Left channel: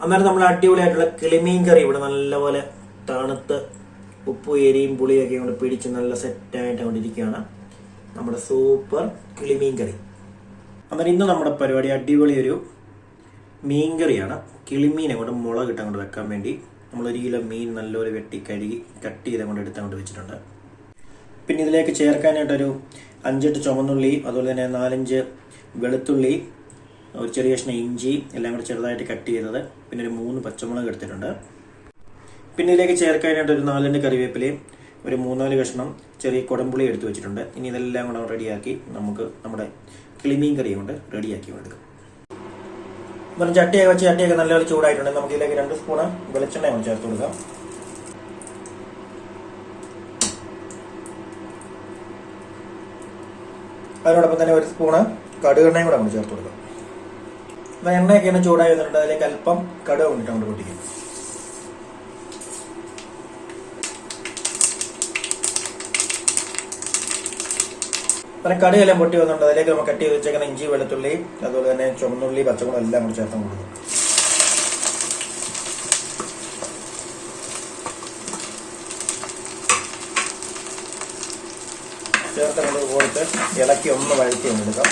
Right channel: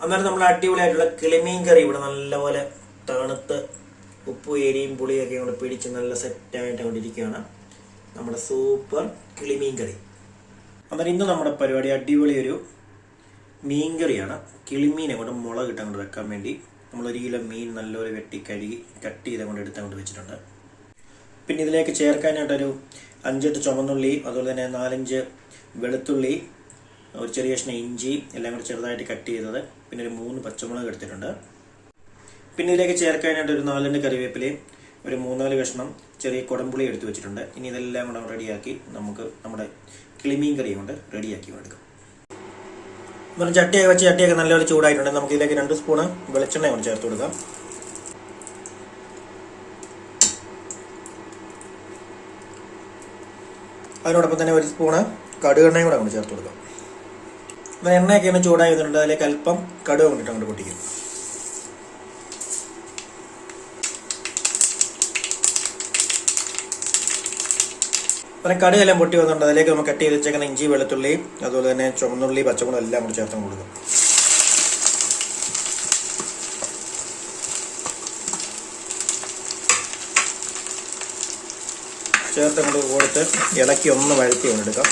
അന്നേരം നമ്മൾ അടിപൊളിയായിട്ടുള്ള കിളിമീൻ കറി ഇവിടെ നല്ലപോലെ തണുത്ത് ഉപ്പും എരിയും പുളിയൊക്കെ കൊണ്ട് പിടിച്ച് നല്ല സെറ്റായിട്ട് കൊണ്ടിരിക്കുകയാണ് നമ്മുടെ സൂപ്പർ കിളിമീൻ കറി അന്നേരം ഇന്ന് നമ്മുടെ പരിപാടി അടിപൊളി ഒരു മീൻ കറിയാണ് കിളിമീൻ അങ്ങോട്ട് മുളക് ഇട്ട് അങ്ങോട്ട് വെക്കാൻ വേണ്ടി നമ്മൾ ഒരു കിലോ മീൻ നല്ലപോലെ വെട്ടി കഴുകി കട്ട് ചെയ്ത് അങ്ങോട്ട് എടുത്ത് അങ്ങോട്ട് വെച്ചിട്ടുണ്ട്. പിന്നെ ഇതിലേക്ക് ചേർക്കാനായിട്ടൊരു അഞ്ചെട്ട് ചുമന്നുള്ളി അതുപോലെ തന്നെ നാലഞ്ച് വെളുത്തുള്ളി ഒരു ചെറിയ കഷ്ണം ഇഞ്ചി എല്ലാം കൂടെ ചെറുതായിട്ട് കട്ട് ചെയ്തത്. പിന്നെ ഒരു മൂന്ന് പച്ചമുളക് എടുത്തിട്ടുണ്ട്. പിന്നെ ഇതിലേക്ക് ചേർക്കാനായിട്ട് ഒരു നാലിന്റെ കറിവേപ്പിലയും ഒരു മൂന്നാൽ കഷ്ണം ചെറിയ കുടംപുളി എടുത്തു വെച്ചിട്ടുണ്ട്. ഇനി ഇതെല്ലാം കൂടെ റെഡിയാക്കി നമുക്ക് നമ്മുടെ കിളിമീൻ കറി കൊണ്ട് റെഡിയാക്കി എടുക്കാം. വെറും ചട്ടിയൊക്കെ വെച്ച് ചട്ടിയൊക്കെ നല്ലപോലെ ചൂടായിട്ടുണ്ട്. നമുക്ക് ഇതിലേക്ക് രണ്ട് സ്പൂണ് വെളിച്ചെണ്ണ കൊണ്ട് ചേർത്ത് കൊടുക്കാം. അതിനോടൊപ്പം തന്നെ ഒരു സ്പൂണ് കടുകെണ്ണയും കൂടെ നമ്മൾ ചേർത്ത് കൊടുക്കാം. എണ്ണയൊക്കെ ഒന്ന് ചൂടായി വന്നിട്ടുണ്ട് അതിലേക്ക് അല്പം കടുക് കൊണ്ടിട്ട് അങ്ങോട്ട് പൊട്ടിക്കും പിന്നെ കടുകെല്ലാം പൊട്ടി വന്നിട്ടുണ്ട്. അതിലേക്ക് നമുക്ക് കട്ട് ചെയ്ത് വെച്ചേക്കുന്ന ഇഞ്ചി വെളുത്തുള്ളി അതുപോലെ തന്നെ ചുമന്നുള്ളി പച്ചമുളക് എല്ലാം കൂടി ചേർത്ത് കൊടുക്കും ചേർത്ത് കൊടുത്ത് ഇളക്കി ഒന്ന് വഴറ്റി ഒന്നെടുക്കാം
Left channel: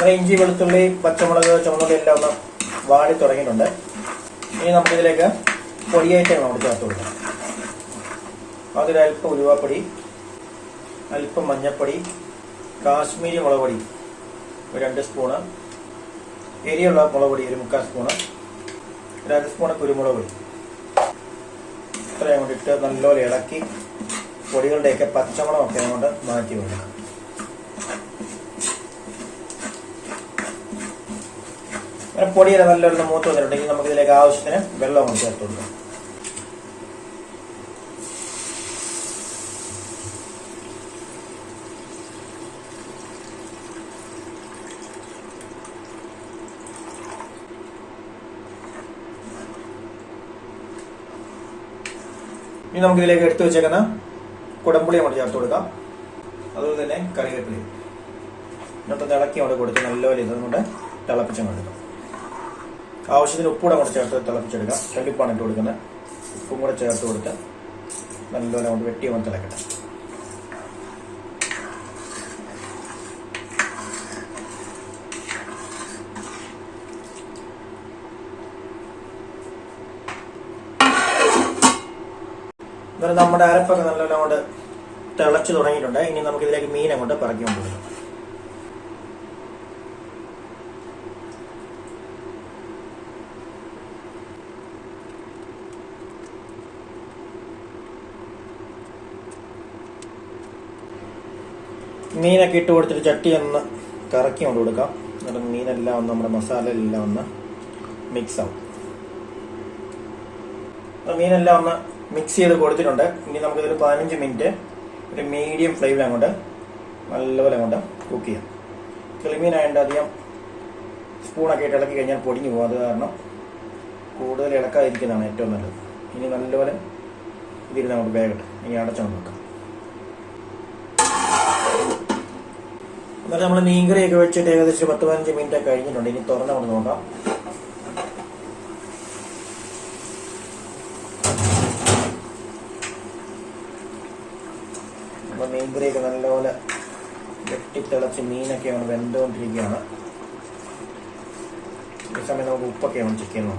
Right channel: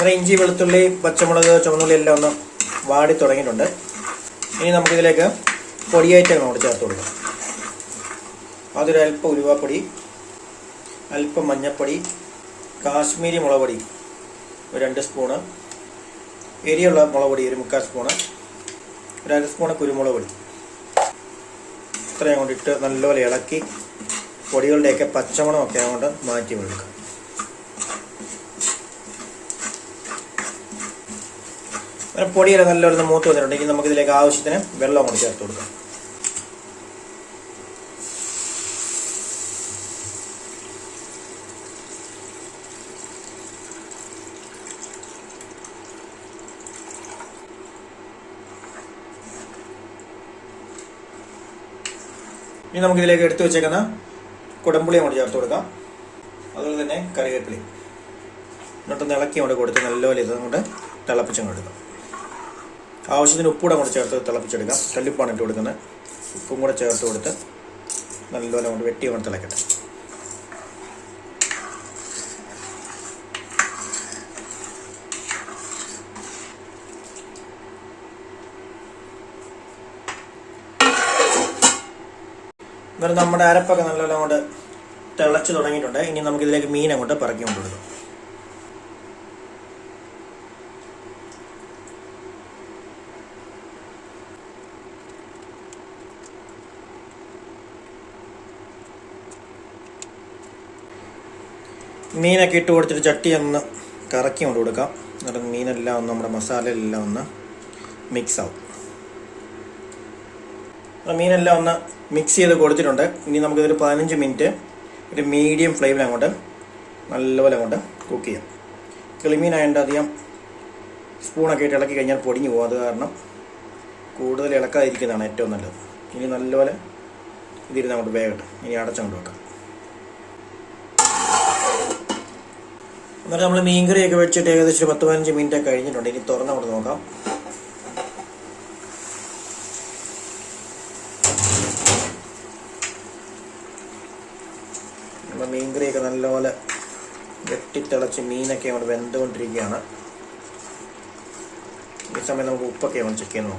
അങ്ങനെ ഇഞ്ചി വെളുത്തുള്ളി പച്ചമുളക് ചുവന്നുള്ളി എല്ലാം ഒന്ന് വാടി തുടങ്ങിയിട്ടുണ്ട്. ഇനി നമുക്കിതിലേക്ക് പൊടിയായിട്ട് നമ്മൾ ചേർത്ത് കൊടുക്കാം. അതൊരു അല്പം ഉലുവാപ്പൊടി അല്പം മഞ്ഞൾപ്പൊടി കാശ്മീരി മുളക് പൊടി ഒരു രണ്ട് സ്പൂണ് എരിയുള്ള മുളക് പൊടി ഒരു മുക്കാൽ സ്പൂണ് ഒരു അര സ്പൂണ് കുരുമുളക് പൊടി. ഇത്രയും കൊണ്ടിട്ട് നല്ലപോലെ ഇളക്കി പൊടികളുടെയൊക്കെ പച്ചമുളകൊക്കെ കൊണ്ട് മാറ്റി വെക്കാം പൊടിയുടെ നല്ലൊരു മൂത്ത് വന്നിട്ടുണ്ടെങ്കിൽ നമുക്ക് ഇതിലേക്ക് ആവശ്യത്തിന് വെള്ളം കൊണ്ട് ചേർത്ത് കൊടുക്കാം. ഇനി നമുക്ക് ഇതിലേക്ക് എടുത്തു വെച്ചേക്കുന്ന കുടമ്പുളി അങ്ങോട്ട് ചേർത്ത് കൊടുക്കാം. അതുപോലെ തന്നെ കറിവേപ്പിളി എന്നിട്ടൊന്ന് ഇളക്കി അങ്ങോട്ട് കൊടുത്ത് നല്ലപോലെ ഇത് അങ്ങോട്ട് തിളപ്പിച്ചങ്ങോട്ട് ആവശ്യത്തിന് ഉപ്പൂടെ കൂടെ ചേർത്ത് തിളപ്പിച്ചെടുക്കാം. കല്ലുപ്പാണ് ഇട്ട് കൊടുക്കുന്നത്. ഉപ്പും കൂടെ ചേർത്ത് കൊടുത്ത് നല്ലപോലെ കൊണ്ട് വെട്ടി കൊണ്ട് തിളക്കട്ടെ. നമ്മുടെ അരപ്പൊക്കെ നല്ലപോലെ അങ്ങോട്ട് തിളച്ച് തുടങ്ങിയിട്ടുണ്ട്. ഇനി നമുക്കിതിലേക്ക് മീൻ അങ്ങോട്ട് പിറക്കി കൊണ്ടുവരും മീനൊക്കെ ഇട്ട് കൊടുത്തിട്ട് ചട്ടി ഒന്ന് കറക്കി കൊണ്ട് കൊടുക്കാം. എന്നിട്ട് മീനെല്ലാം ഒന്ന് നമ്മുടെ മസാലയിലെല്ലാം ഒന്ന് മിക്സ് ആവും. അപ്പോൾ മീനെല്ലാം ഒന്ന് മിക്സ് ചെയ്ത് കൊടുത്തിട്ടുണ്ട്. ഇനി നമുക്കിതൊരു പതിനഞ്ച് മിനിറ്റ് ഒരു മീഡിയം ഫ്ലെയിമിൽ അങ്ങോട്ട് നല്ലപോലെ അങ്ങോട്ട് കുക്ക് ചെയ്യാം. കിളിമീനായതുകൊണ്ട് അധികം സ്പൂണൊക്കെ ഇട്ട് ഇളക്കി കഴിഞ്ഞാൽ പൊടിഞ്ഞു പോകും. അത് കാരണം കൂടുതൽ ഇളക്കാതിരിക്കുന്നതാണ് ഏറ്റവും നല്ലത്. ഇനി നല്ലപോലെ ഇതിരുന്ന് നമുക്ക് വേഗട്ടെ ഇനി അടച്ചുകൊണ്ട് വെക്കാം. എന്നിട്ട് നമ്മൾ മീൻകറിയൊക്കെ വെച്ചിട്ട് ഏകദേശം പത്ത് പതിനഞ്ച് മിനിറ്റ് കഴിഞ്ഞിട്ടുണ്ട്. ഇനി തുറന്ന് കൊണ്ട് നോക്കാം. നമ്മൾ മീൻകറിയൊക്കെ നല്ലപോലെ വെട്ടിത്തിളച്ച് മീനൊക്കെ വെന്തുകൊണ്ടിരിക്കുകയാണ്. ഈ സമയം നമുക്ക് ഉപ്പൊക്കെ നമ്മൾ ചെക്ക് ചെയ്യുന്നു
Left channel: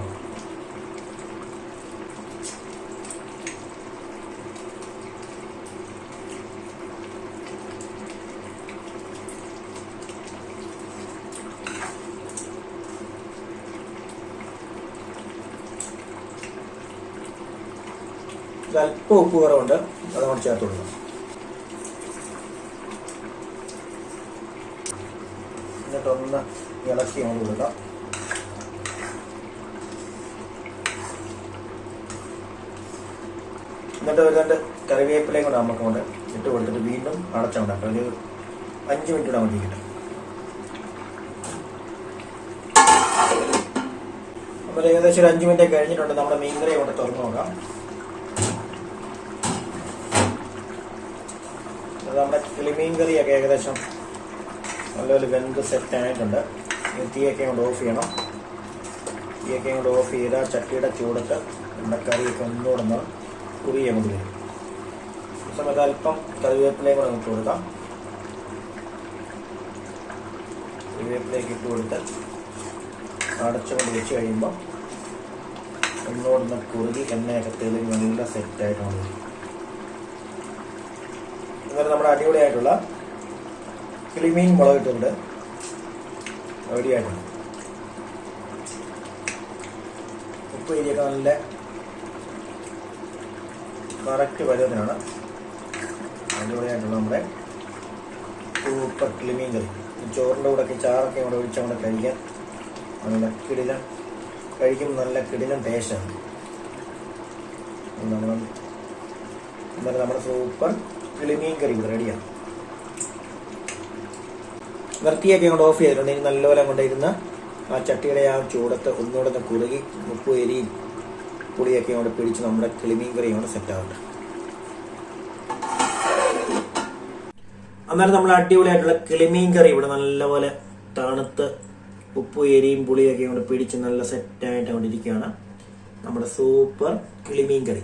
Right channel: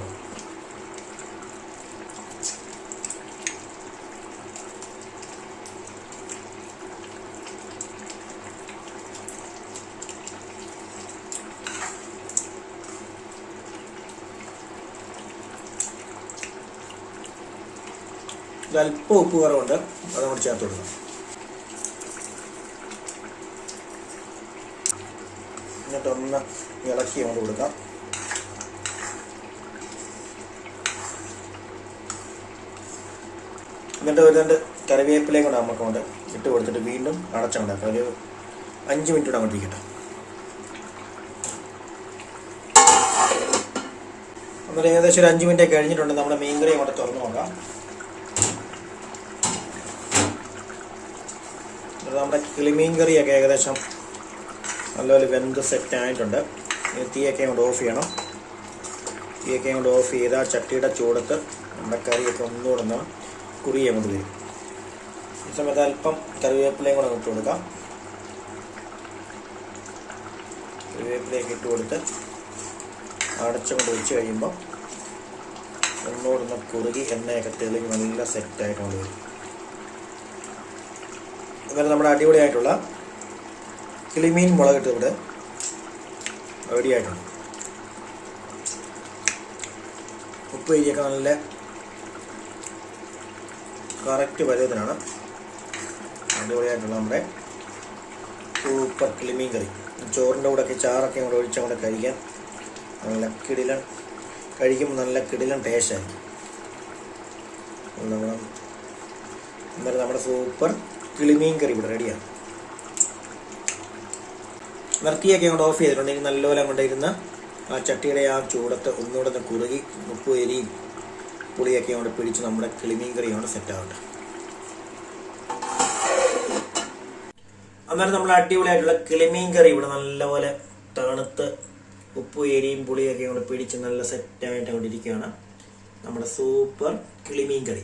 അല്പം ഉപ്പ് കുറവുണ്ട് അത് നമ്മൾ ചേർത്ത് കൊടുക്കാം എന്നിട്ടൊന്ന് ഇളക്കി അങ്ങോട്ട് കൊടുക്കാം. എന്നിട്ട് ഒരു രണ്ട് കൂടെ നമുക്ക് കൊണ്ട് ഇട്ട് കൊടുത്തിട്ട് വീണ്ടും അടച്ചുണ്ടാക്കാം ഒരു അഞ്ച് മിനിറ്റ് കൂടെ അങ്ങോട്ട് ഇരിക്കട്ടെ. അപ്പോൾ ഏകദേശം ഒരു അഞ്ച് മിനിറ്റ് കഴിഞ്ഞിട്ടുണ്ട്. നമ്മുടെ മീൻ കറി അങ്ങോട്ട് തുറന്നു നോക്കാം. അത് നമ്മുടെ കിളിമീൻ കറിയൊക്കെ ഏകദേശം നല്ലപോലെ വെന്ത് സെറ്റ് ആയിട്ടുണ്ട് തീയൊക്കെ കൊണ്ട് ഓഫ് ചെയ്യണം. തീയൊക്കെ കൊണ്ട് ഓഫ് ചെയ്താൽ ചട്ടിയുടെ ചൂടത്ത് നമ്മുടെ കറിയൊക്കെ ഒന്നുകൂടെ ഒന്ന് കുറിയ നമുക്ക് വരും. ഈ സമയത്ത് അല്പം കറിവേപ്പിലയും കൂടെ ഇട്ട് കൊടുക്കാം. കറിവേപ്പിലേക്ക് ഇട്ട് കൊടുത്ത് അടച്ചുകൊണ്ട് വെച്ച് കഴിയുമ്പോൾ ഒന്നുകൂടെ കുറുകി എണ്ണയൊക്കെ തെളിഞ്ഞ് നല്ല സെറ്റായിട്ട് വരും. അതുപോലെ നമ്മുടെ അടിപൊളിയായിട്ടുള്ള കിളിമീൻ മുളക് ഇട്ടുണ്ട് റെഡിയായിട്ടുണ്ട്. ഉപ്പ് ഇരിയൊക്കെ നല്ല കറക്റ്റ് പരുവത്തിനാണ്. അടിപൊളിയായിട്ടുള്ള നമ്മുടെ സൂപ്പർ കിളിമീൻ കറി. ചോറിന്റെ കൂടെ ഒക്കെ ചാറൊക്കെ കൂടെ ഒഴിച്ച് കൂടെ കഴിക്കാം. നല്ല കിടിലൻ കഴിക്കുമ്പോൾ നല്ല കിടിലൻ ടേസ്റ്റാണ് നമ്മുടെ സൂപ്പർ കിളിമീൻ കറി റെഡിയാണ്. വൃത്തിയൊക്കെ അങ്ങോട്ട് ഓഫ് ചെയ്തിട്ടുണ്ടെങ്കിൽ നല്ലപോലെ അങ്ങോട്ട് ഇരുന്ന് ആ ചട്ടിയുടെ ആ ചൂടത്ത് ഒന്നുകൂടെ ഒന്ന് കുറുകി ഉപ്പ് എരിയും പുളിയൊക്കെ അങ്ങോട്ട് പിടിച്ച് നമ്മുടെ കിളിമീൻ കറി അങ്ങോട്ട് സെറ്റ് ആവട്ടെ അന്നേരം നമ്മൾ അടിപൊളിയായിട്ടുള്ള കിളിമീൻ കറി ഇവിടെ നല്ലപോലെ തണുത്ത് ഉപ്പ് എരിയും പുളിയൊക്കെ അങ്ങോട്ട് പിടിച്ച് നല്ല സെറ്റായിട്ട് അങ്ങോട്ട് ഇരിക്കുകയാണ് നമ്മുടെ സൂപ്പർ കിളിമീൻ കറി